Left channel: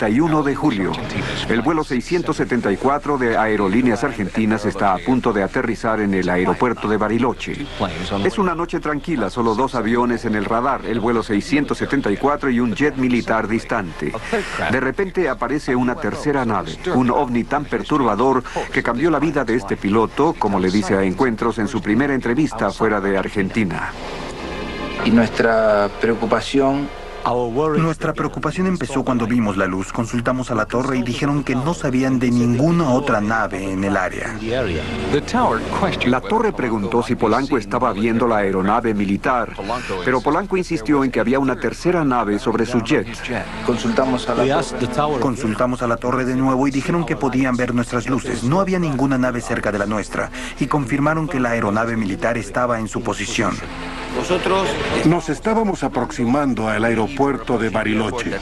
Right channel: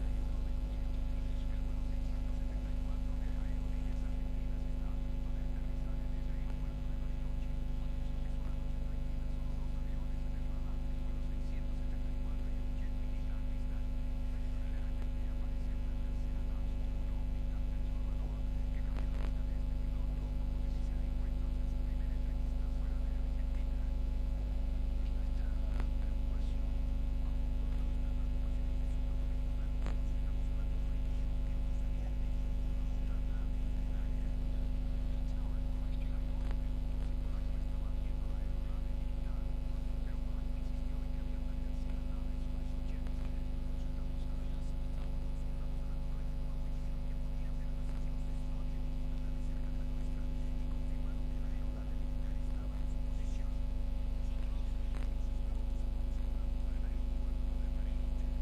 31 de julio. El vuelo 674 de Aerolíneas Argentinas está a punto de aterrizar en el aeropuerto de Bariloche. Es una noche tranquila, solo 2 aviones en el radar, el vuelo 674 y un jet militar distante. De repente aparece una tercera nave, un ovni tan perturbador que cambió la vida de este piloto, como le dice a Encuentros en su primera entrevista fuera de Argentina. Y nuestra preocupación empezó cuando vimos la luz. Consultamos a la torre y dijeron que no sabían de ninguna otra nave en el área. La torre preguntó si Polanco estaba viendo la aeronave militar, pero Polanco insistió en que había una tercera nave sobre su jet. Consultamos a la torre de nuevo y dijeron que podían ver nuestras luces. No había ninguna nave cerca de la nuestra y confirmaron que la aeronave militar estaba en su posición. Nos estábamos aproximando al aeropuerto de Bariloche.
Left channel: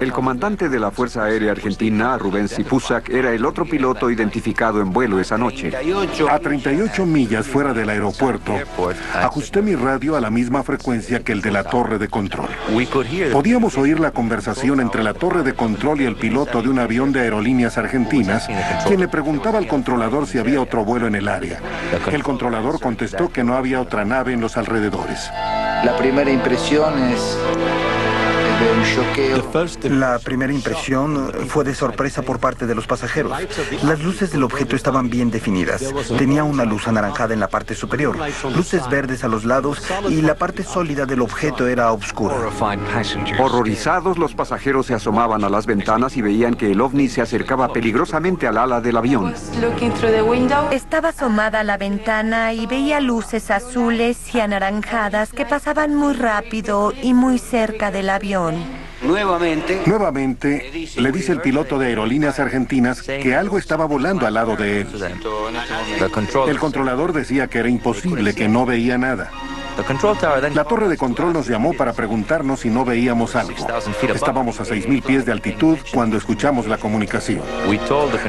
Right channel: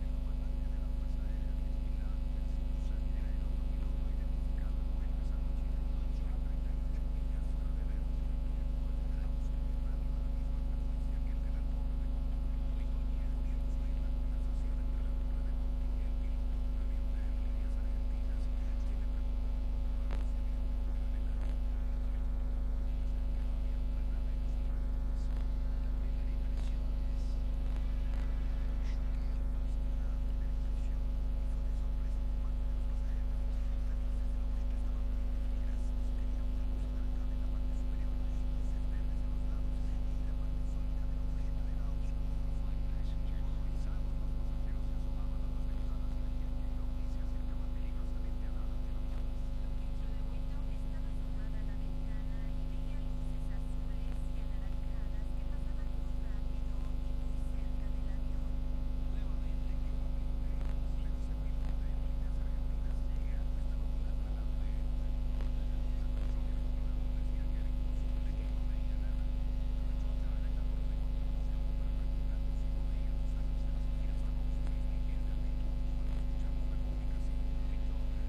El comandante de la Fuerza Aérea Argentina, Rubén Sipusak, era el otro piloto identificado en vuelo esa noche. A 38 millas fuera del aeropuerto, ajusté mi radio a la misma frecuencia que el de la torre de control. Podíamos oír la conversación entre la torre de control y el piloto de un avión de Aerolíneas Argentinas, quien le preguntaba al controlador si había otro vuelo en el área. El controlador contestó que no había otra nave en los alrededores. La primera impresión es de un choqueo. La primera impresión fue de sorpresa por parte de los pasajeros. Las luces del objeto estaban bien definidas. Tenía una luz anaranjada en la parte superior, luces verdes a los lados y la parte sólida del objeto era oscura. Horrorizados, los pasajeros se asomaban a las ventanas y veían que el ovni se acercaba peligrosamente al ala del avión. Estaba asomada a la ventana y veía luces azules y anaranjadas que pasaban muy rápido y muy cerca del avión. Nuevamente, le dice el piloto de Aerolíneas Argentinas que algo estaba volando al lado de él. El controlador decía que era imposible, que no veía nada. La torre de control nos llamó para preguntarnos si no veíamos algo. Estábamos a 6.000 pies de altitud cuando escuchamos la comunicación.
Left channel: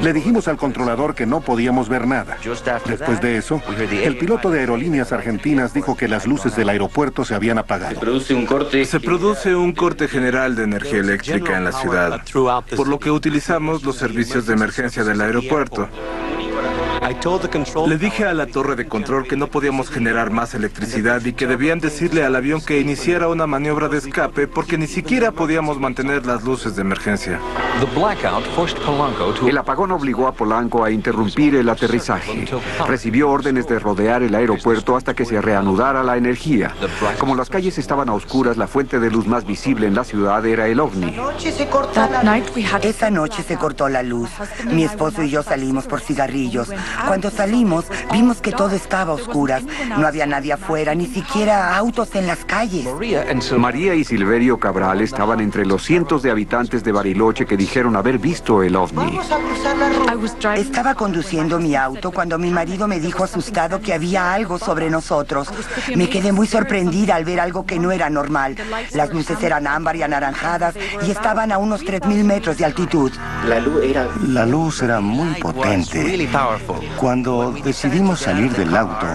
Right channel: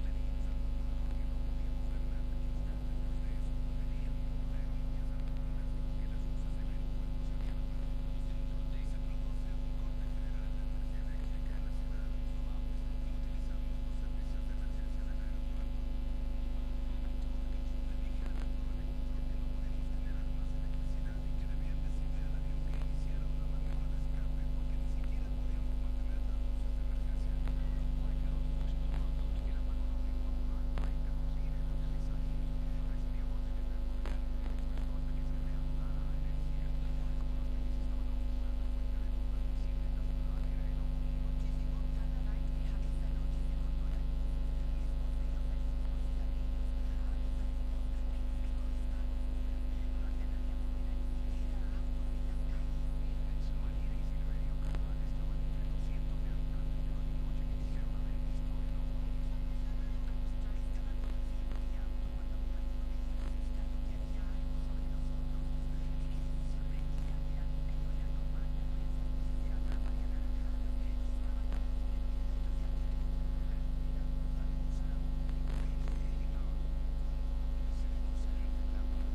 Le dijimos al controlador que no podíamos ver nada. Después de eso, el piloto de Aerolíneas Argentinas dijo que las luces del aeropuerto se habían apagado. Se produce un corte general de energía eléctrica en la ciudad, por lo que utilizamos los servicios de emergencia del aeropuerto. Le dije a la torre de control que no podíamos generar más electricidad y que debían decirle al avión que iniciara una maniobra de escape porque ni siquiera podíamos mantener las luces de emergencia. El apagón obligó a Polanco a interrumpir el aterrizaje. Recibió órdenes de rodear el aeropuerto hasta que se reanudara la energía. Como las calles estaban a oscuras, la fuente de luz más visible en la ciudad era el ovni. Esa noche se cortó la luz. Mi esposo y yo salimos por cigarrillos. Cuando salimos, vimos que todo estaba a oscuras. No había nadie afuera, ni siquiera autos en las calles. María y Silverio Cabral estaban entre los cientos de habitantes de Bariloche que dijeron haber visto el ovni. Estaba conduciendo mi auto cuando mi marido me dijo asustado que había algo sobre nosotros. Me quedé muy sorprendida al ver algo que no era normal. Las luces eran ámbar y anaranjadas y estaban a unos 3.000 metros de altitud. La luz era muy potente. Cuando decidimos salir del auto,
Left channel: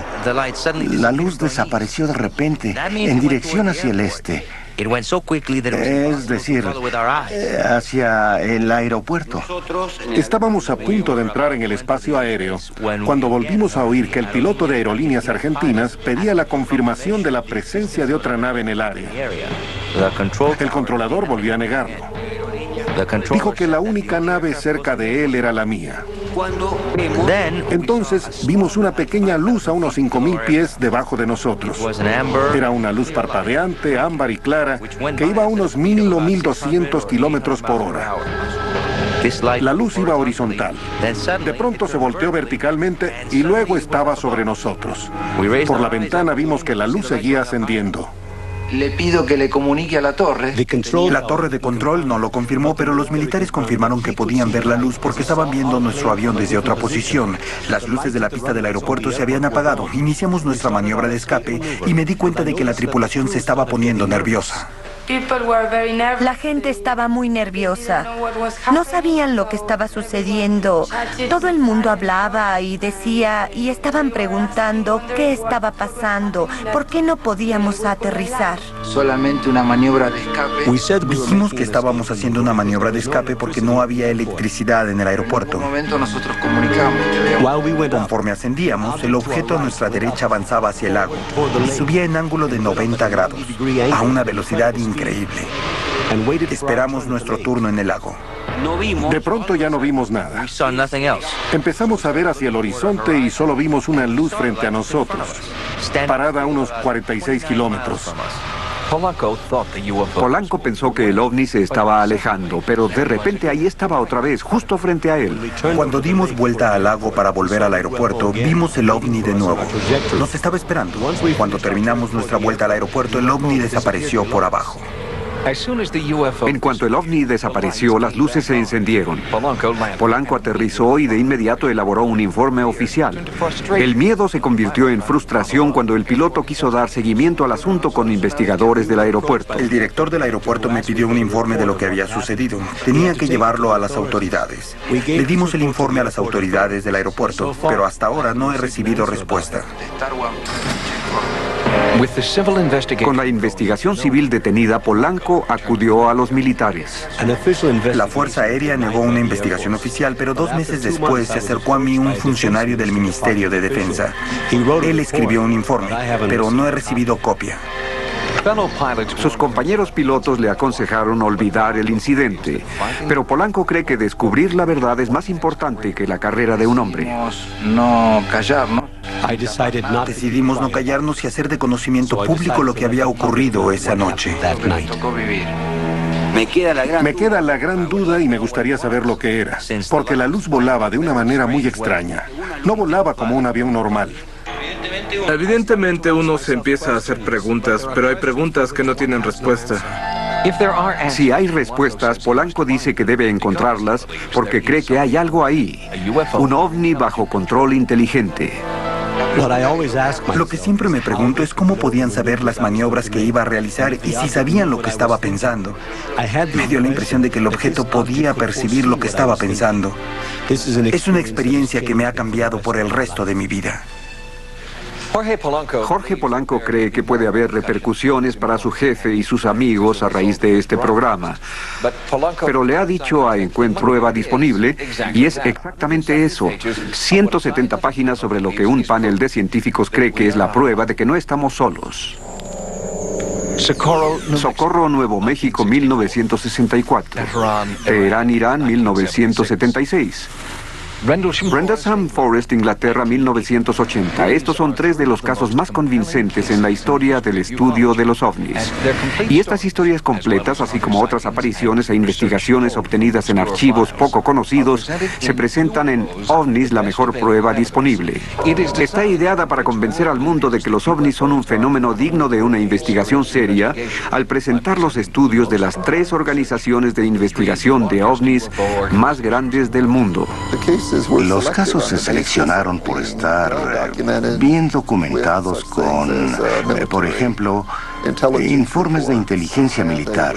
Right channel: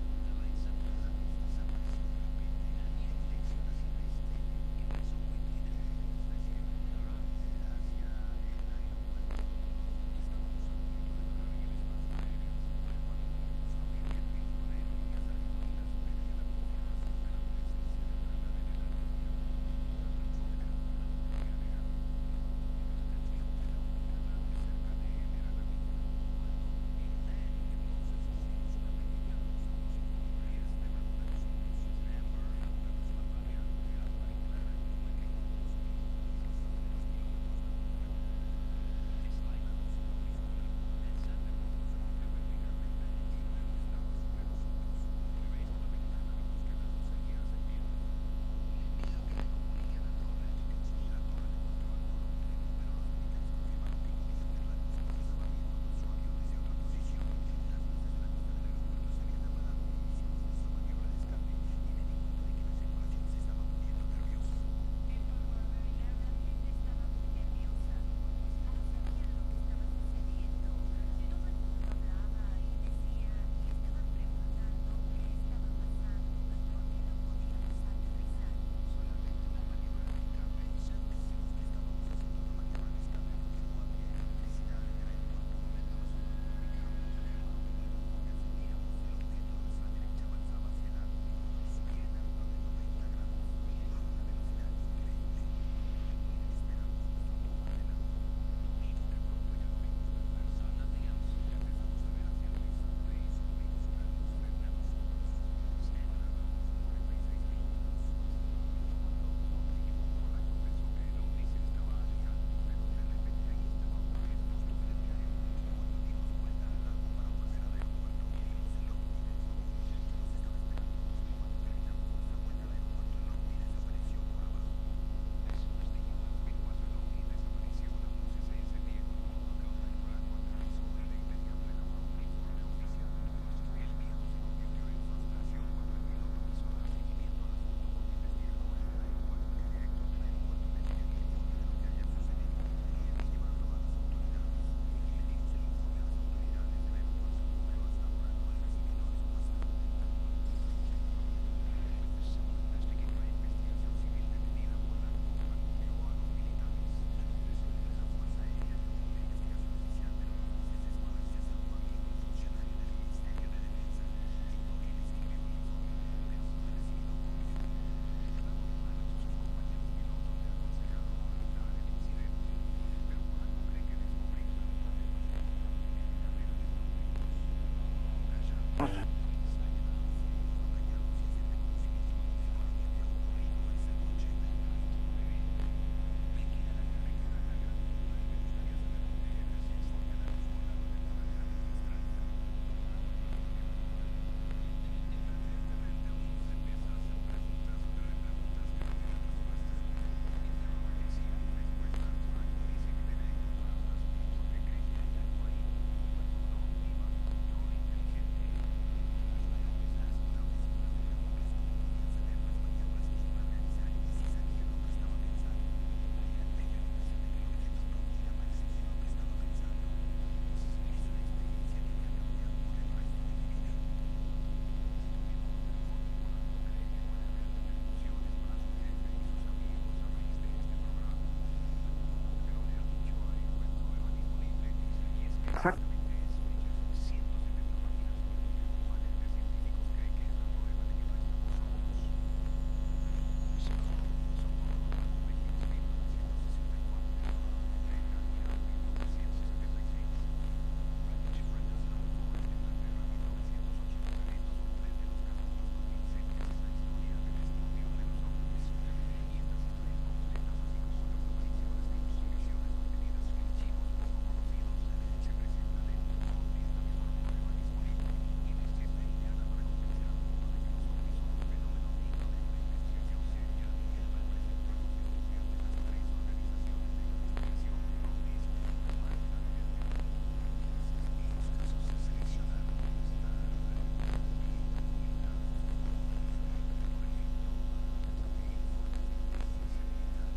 la luz desapareció de repente en dirección hacia el este. Es decir, hacia el aeropuerto. Estábamos a punto de entrar en el espacio aéreo cuando volvimos a oír que el piloto de Aerolíneas Argentinas pedía la confirmación de la presencia de otra nave en el área. El controlador volvió a negarlo. Dijo que la única nave cerca de él era la mía. Entonces vimos una pequeña luz a unos 5.000 pies debajo de nosotros. Era una luz parpadeante, ámbar y clara, que iba a unos 1.000 o 1.200 kilómetros por hora. La luz iba horizontal. De pronto se volteó verticalmente y luego estaba sobre nosotros. Por la ventana vimos que la luz seguía ascendiendo. Le pido que le comunique a la torre. La torre de control no lo confirmó, pero los militares confirmaron que podían ver la luz porque estaban viendo nuestro avión desde otra posición. Las luces de la pista del aeropuerto se habían apagado. Iniciamos nuestra maniobra de escape y me di cuenta de que la tripulación se estaba poniendo nerviosa. La gente estaba muy nerviosa. No sabían lo que estaba sucediendo. Todo el mundo hablaba y decía, y estaban preguntando qué estaba pasando, por qué no podíamos aterrizar. Solamente una maniobra de escape. Dijimos que estábamos haciendo una maniobra de escape porque no había electricidad en el aeropuerto. En un momento nosotros comunicamos que había... Conforme ascendíamos, el objeto a nuestra derecha avanzaba hacia el lago y subía en ángulo de 90 grados, a una velocidad increíble. Esperamos nuestro turno en el lago. De pronto ya no vimos nada. Empezamos a ver hacia el horizonte y solo vimos una luz frente a nosotros, parada a unos 46 kilómetros. Polanco pensó que el ovni se estaba alejando, pero de repente ahí estaba otra vez, justo frente a él. Cuando dimos vuelta al lago para volver al aeropuerto, vimos el ovni de nuevo. Nos estaba esperando. Cuando terminamos nuestra vuelta al aeropuerto, el ovni desapareció por abajo. En cuanto el ovni desapareció, las luces se encendieron. Polanco aterrizó y de inmediato elaboró un informe oficial. El miedo se convirtió en frustración cuando el piloto quiso dar seguimiento al asunto con investigadores del aeropuerto. El director del aeropuerto me pidió un informe de lo que había sucedido. Tenía que llevarlo a las autoridades. Le dimos el informe a las autoridades del aeropuerto, pero hasta ahora no he recibido respuesta. Con la investigación civil detenida, Polanco acudió a los militares. La Fuerza Aérea negó una investigación oficial, pero 2 meses después se acercó a mí un funcionario del Ministerio de Defensa. Él escribió un informe, pero no he recibido copia. Sus compañeros pilotos le aconsejaron olvidar el incidente, pero Polanco cree que descubrir la verdad es más importante que la carrera de un hombre. No callarnos. Decidimos no callarnos y hacer de conocimiento público lo que había ocurrido esa noche. Me queda la gran duda y me gustaría saber lo que era, porque la luz volaba de una manera muy extraña. No volaba como un avión normal. Evidentemente uno se empieza a hacer preguntas, pero hay preguntas que no tienen respuesta. Si hay respuestas, Polanco dice que debe encontrarlas porque cree que hay algo ahí, un ovni bajo control inteligente. Lo que siempre me pregunto es cómo podían saber las maniobras que iba a realizar y si sabían lo que estaba pensando. Me dio la impresión de que el objeto podía percibir lo que estaba pensando. Es una experiencia que me ha cambiado por el resto de mi vida. Jorge Polanco cree que puede haber repercusiones para su jefe y sus amigos a raíz de este programa. Pero le ha dicho a Encuentro Prueba Disponible, y es exactamente eso. 170 páginas sobre lo que un panel de científicos cree que es la prueba de que no estamos solos. Socorro, Nuevo México, 1964. Teherán, Irán, 1976. Rendlesham Forest, Inglaterra, 1980. Estos son 3 de los casos más convincentes en la historia del estudio de los ovnis. Y estas historias completas, así como otras apariciones e investigaciones obtenidas en archivos poco conocidos, se presentan en OVNIs, la mejor prueba disponible. Está ideada para convencer al mundo de que los ovnis son un fenómeno digno de una investigación seria, al presentar los estudios de las 3 organizaciones de investigación de ovnis más grandes del mundo. Los casos se seleccionaron por estar bien documentados con, por ejemplo, informes de inteligencia militar,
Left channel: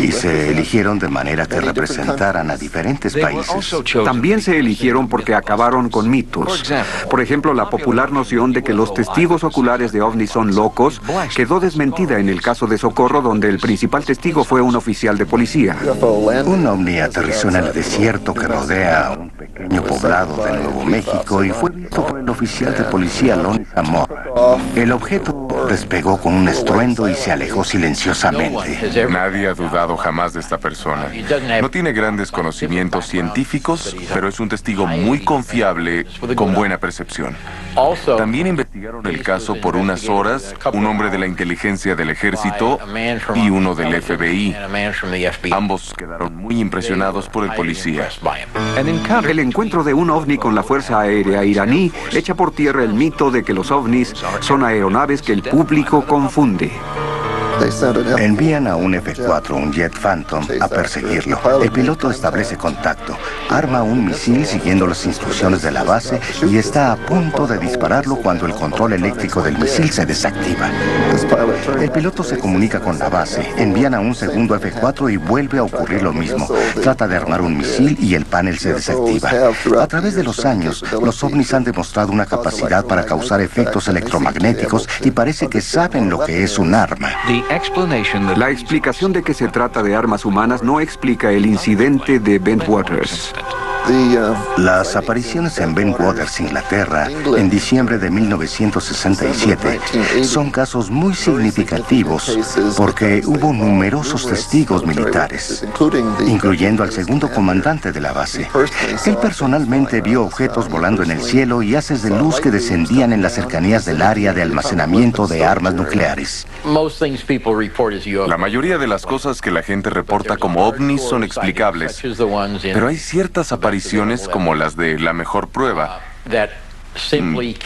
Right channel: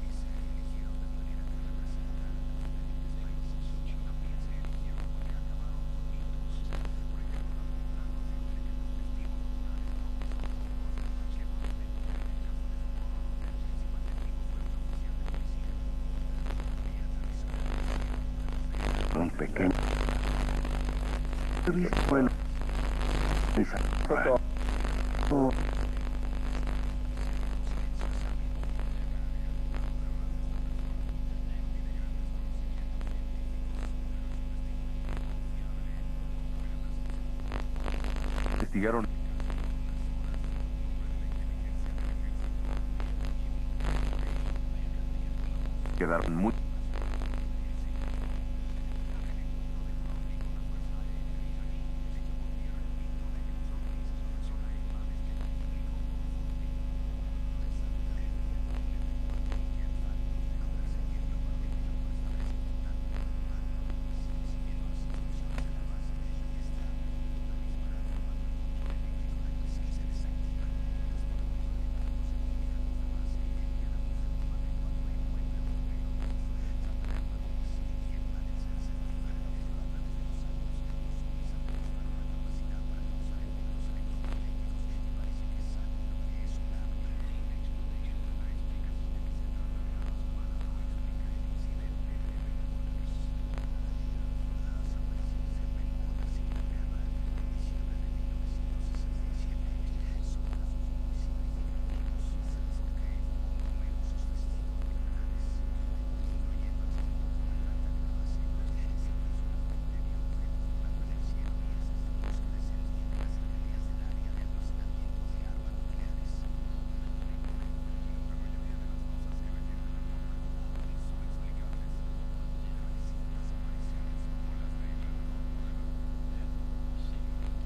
y se eligieron de manera que representaran a diferentes países. También se eligieron porque acabaron con mitos. Por ejemplo, la popular noción de que los testigos oculares de ovnis son locos quedó desmentida en el caso de Socorro, donde el principal testigo fue un oficial de policía. Un ovni aterrizó en el desierto que rodea un pequeño poblado de Nuevo México y fue visto por el oficial de policía Lonnie Zamora. El objeto despegó con un estruendo y se alejó silenciosamente. Nadie ha dudado jamás de esta persona. No tiene grandes conocimientos científicos, pero es un testigo muy confiable, con buena percepción. También investigaron el caso por unas horas un hombre de la inteligencia del ejército y uno del FBI. Ambos quedaron muy impresionados por el policía. El encuentro de un ovni con la Fuerza Aérea iraní echa por tierra el mito de que los ovnis son aeronaves que el público confunde. Envían a un F-4, un Jet Phantom, a perseguirlo. El piloto establece contacto, arma un misil siguiendo las instrucciones de la base y está a punto de dispararlo cuando el control eléctrico del misil se desactiva. El piloto se comunica con la base, envían a un segundo F-4 y vuelve a ocurrir lo mismo. Trata de armar un misil y el panel se desactiva. A través de los años, los ovnis han demostrado una capacidad para causar efectos electromagnéticos y parece que saben lo que es un arma. La explicación de que se trata de armas humanas no explica el incidente de Bentwaters. Las apariciones en Bentwaters, Inglaterra, en diciembre de 1967, son casos muy significativos porque hubo numerosos testigos militares, incluyendo al segundo comandante de la base. Él personalmente vio objetos volando en el cielo y haces de luz que descendían en las cercanías del área de almacenamiento de armas nucleares. La mayoría de las cosas que la gente reporta como ovnis son explicables, pero hay ciertas apariciones como las de La Mejor Prueba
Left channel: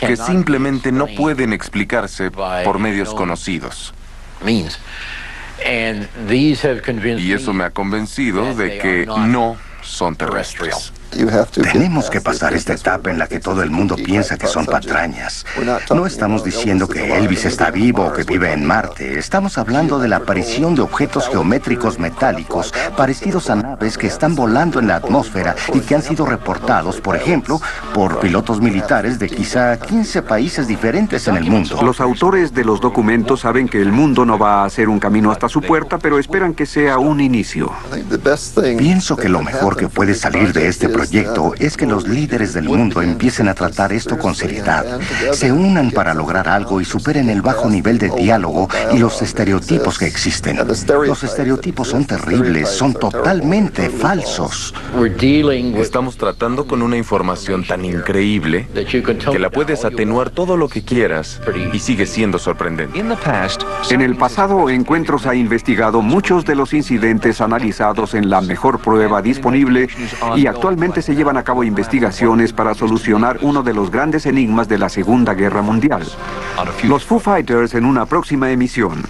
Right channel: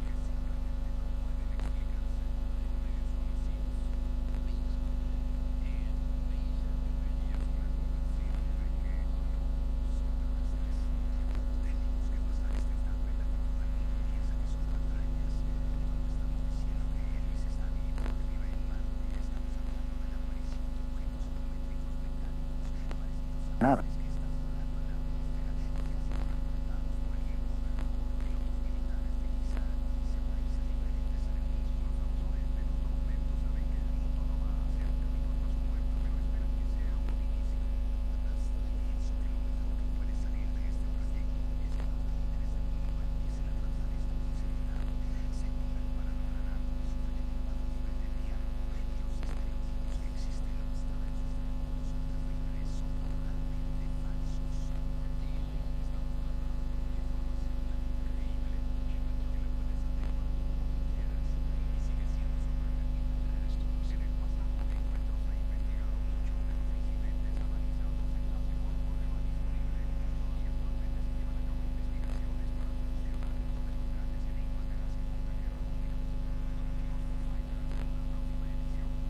que simplemente no pueden explicarse por medios conocidos. Y eso me ha convencido de que no son terrestres. Tenemos que pasar esta etapa en la que todo el mundo piensa que son patrañas. No estamos diciendo que Elvis está vivo o que vive en Marte. Estamos hablando de la aparición de objetos geométricos metálicos parecidos a naves que están volando en la atmósfera y que han sido reportados, por ejemplo, por pilotos militares de quizá 15 países diferentes en el mundo. Los autores de los documentos saben que el mundo no va a ser un camino hasta su puerta, pero esperan que sea un inicio. Pienso que lo mejor que puede salir de este proyecto es que los líderes del mundo empiecen a tratar esto con seriedad, se unan para lograr algo y superen el bajo nivel de diálogo y los estereotipos que existen. Los estereotipos son terribles, son totalmente falsos. Estamos tratando con una información tan increíble que la puedes atenuar todo lo que quieras y sigue siendo sorprendente. En el pasado, Encuentros ha investigado muchos de los incidentes analizados en La Mejor Prueba disponible y actualmente se llevan a cabo investigaciones para solucionar uno de los grandes enigmas de la Segunda Guerra Mundial. Los Foo Fighters en una próxima emisión.